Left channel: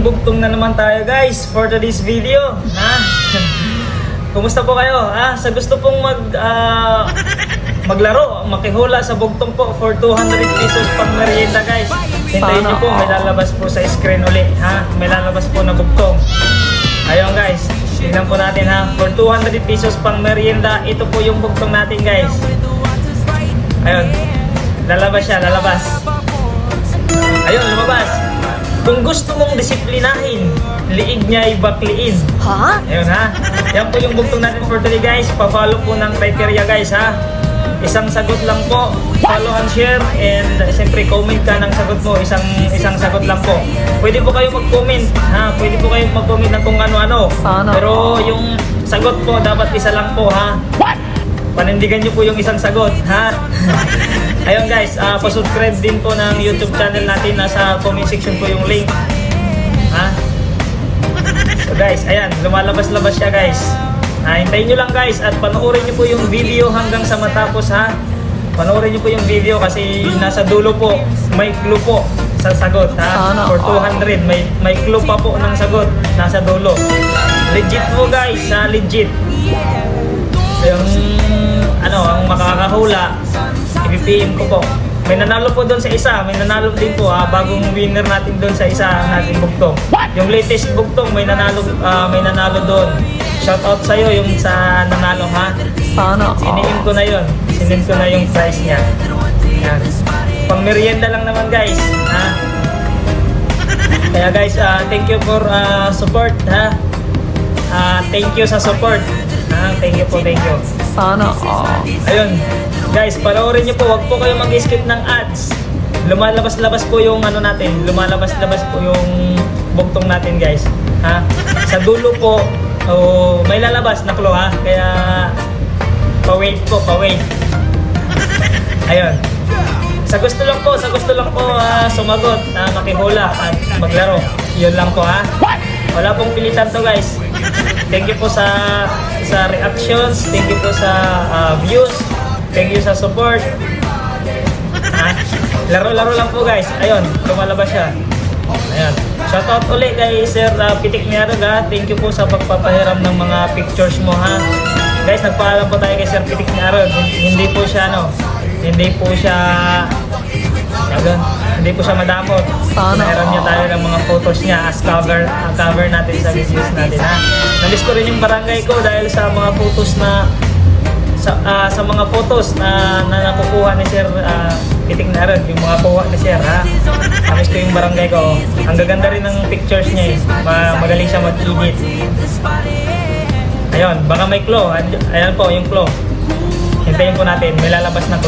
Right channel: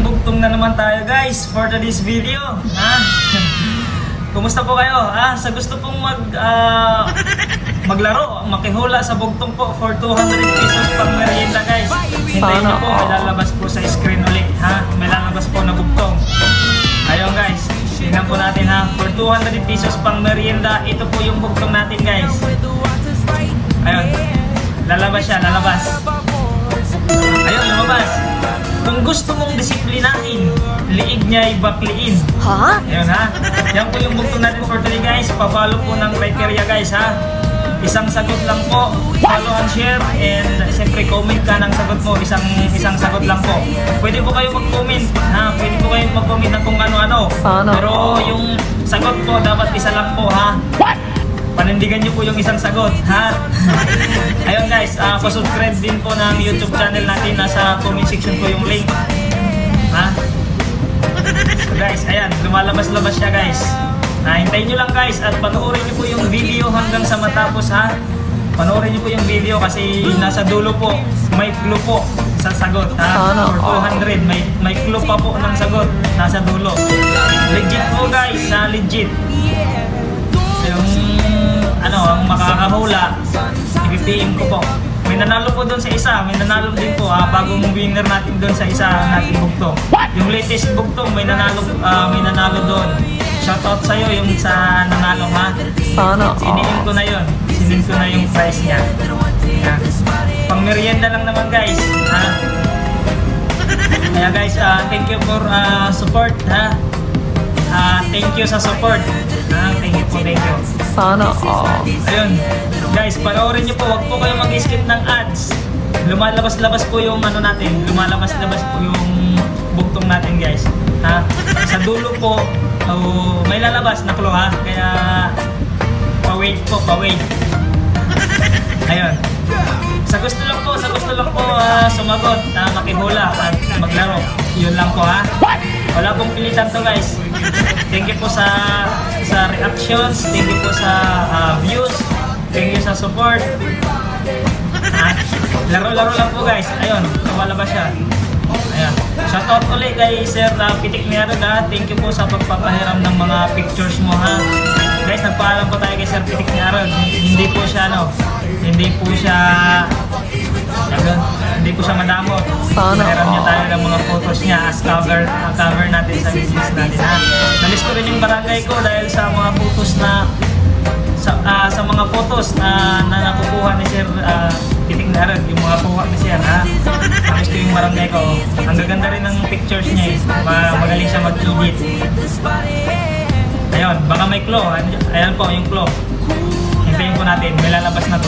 bagong bugtong na naman tayo guys for today's video. Kumusta po kayo? Sa gusto pong maglaro, makihula sa bugtong po for 200 pesos pang merienda guys. Hintayin niyo po, may lalabas po sa screen ulit. May lalabas po na bugtong. Ayun guys, tignan po natin for 200 pesos pang merienda. Ito po yung bugtong natin guys. Ayun, lalabas siya, lalabas. Ayun, lumabas. Kung gusto mong disiplinahin, liig niya ay bakliin. Ayun yan po yung bugtong natin for today guys. Pa-follow po ng criteria guys Isang sagot lang po. Follow and share. And siyempre comment ka ng sagot mo. Isang sagot lang po. Pwede po kayong mag-comment. Pwede po kayong mag-comment ng kung ano-ano. Pero yung sagot po dapat isa lang po panindigan nyo po yung isang sagot Ayun guys, pa-subscribe din po ng YouTube channel natin. Nasa comment section po yung link So guys, ayan, lumalabas-labas siya guys. Hintayin nyo lang guys at panoorin nyo po yung video hanggang sa matapos Panoorin nyo po yung video kasi nasa dulo po may clue po sa sagot For 200 may clue pa po ng sagot nasa dulo. Legit po guys, legit. Ayun, ang makakahula, ipipiliin ko po. May nanalo po doon sa isa, may nanalo din po bagong winner natin doon sa isa natin bugtong. Yung latest bugtong, may nanalo doon. Shoutout sa'yo yung sa nanalo Sinilin ko na yun. Sinilin ko na yung prize niya. Pang merienda lang naman guys. Kaya guys, thank you for support thank you sa support. Thank you po, thank you. Ayun, guys, panoorin nyo po. Huwag po kayo mag-skip ng ads. Lumalabas-labas po yung natin. Lumalabas-labas po yung bugtong natin guys. Sa dulo po, may lalabas na clue kaya pa-wait po, pa-wait. Ayun. Sa gusto lang po sumagot, makihula, maglaro. Yun lang po Wala pong pilitan to guys. Thank you po sa reactions, thank you po sa views, thank you sa support. Laro-laro lang po guys. Ayun, lumalabas siya. Ayan. Shoutout ulit kay Sir Pitik Niaro thank you po sa pagpapahiram ng mga pictures mo Guys, nagpaalam po tayo kay Sir Pitik Niaro. Hindi po siya madamot. Meron niya tayo ng mga photos niya as cover natin sa business natin Nalis ko rin yung barangay ko dahil sa mga photos sa mga photos na nakukuha ni Sir Pitik Niaro, yung mga kuha ni Sir Nalis ko yung barangay ko. Ang gaganda rin ng pictures niya magaling siya mag-init. Ayun, baka may claw. Ayan po yung claw. Hintayin po natin, may lalabas na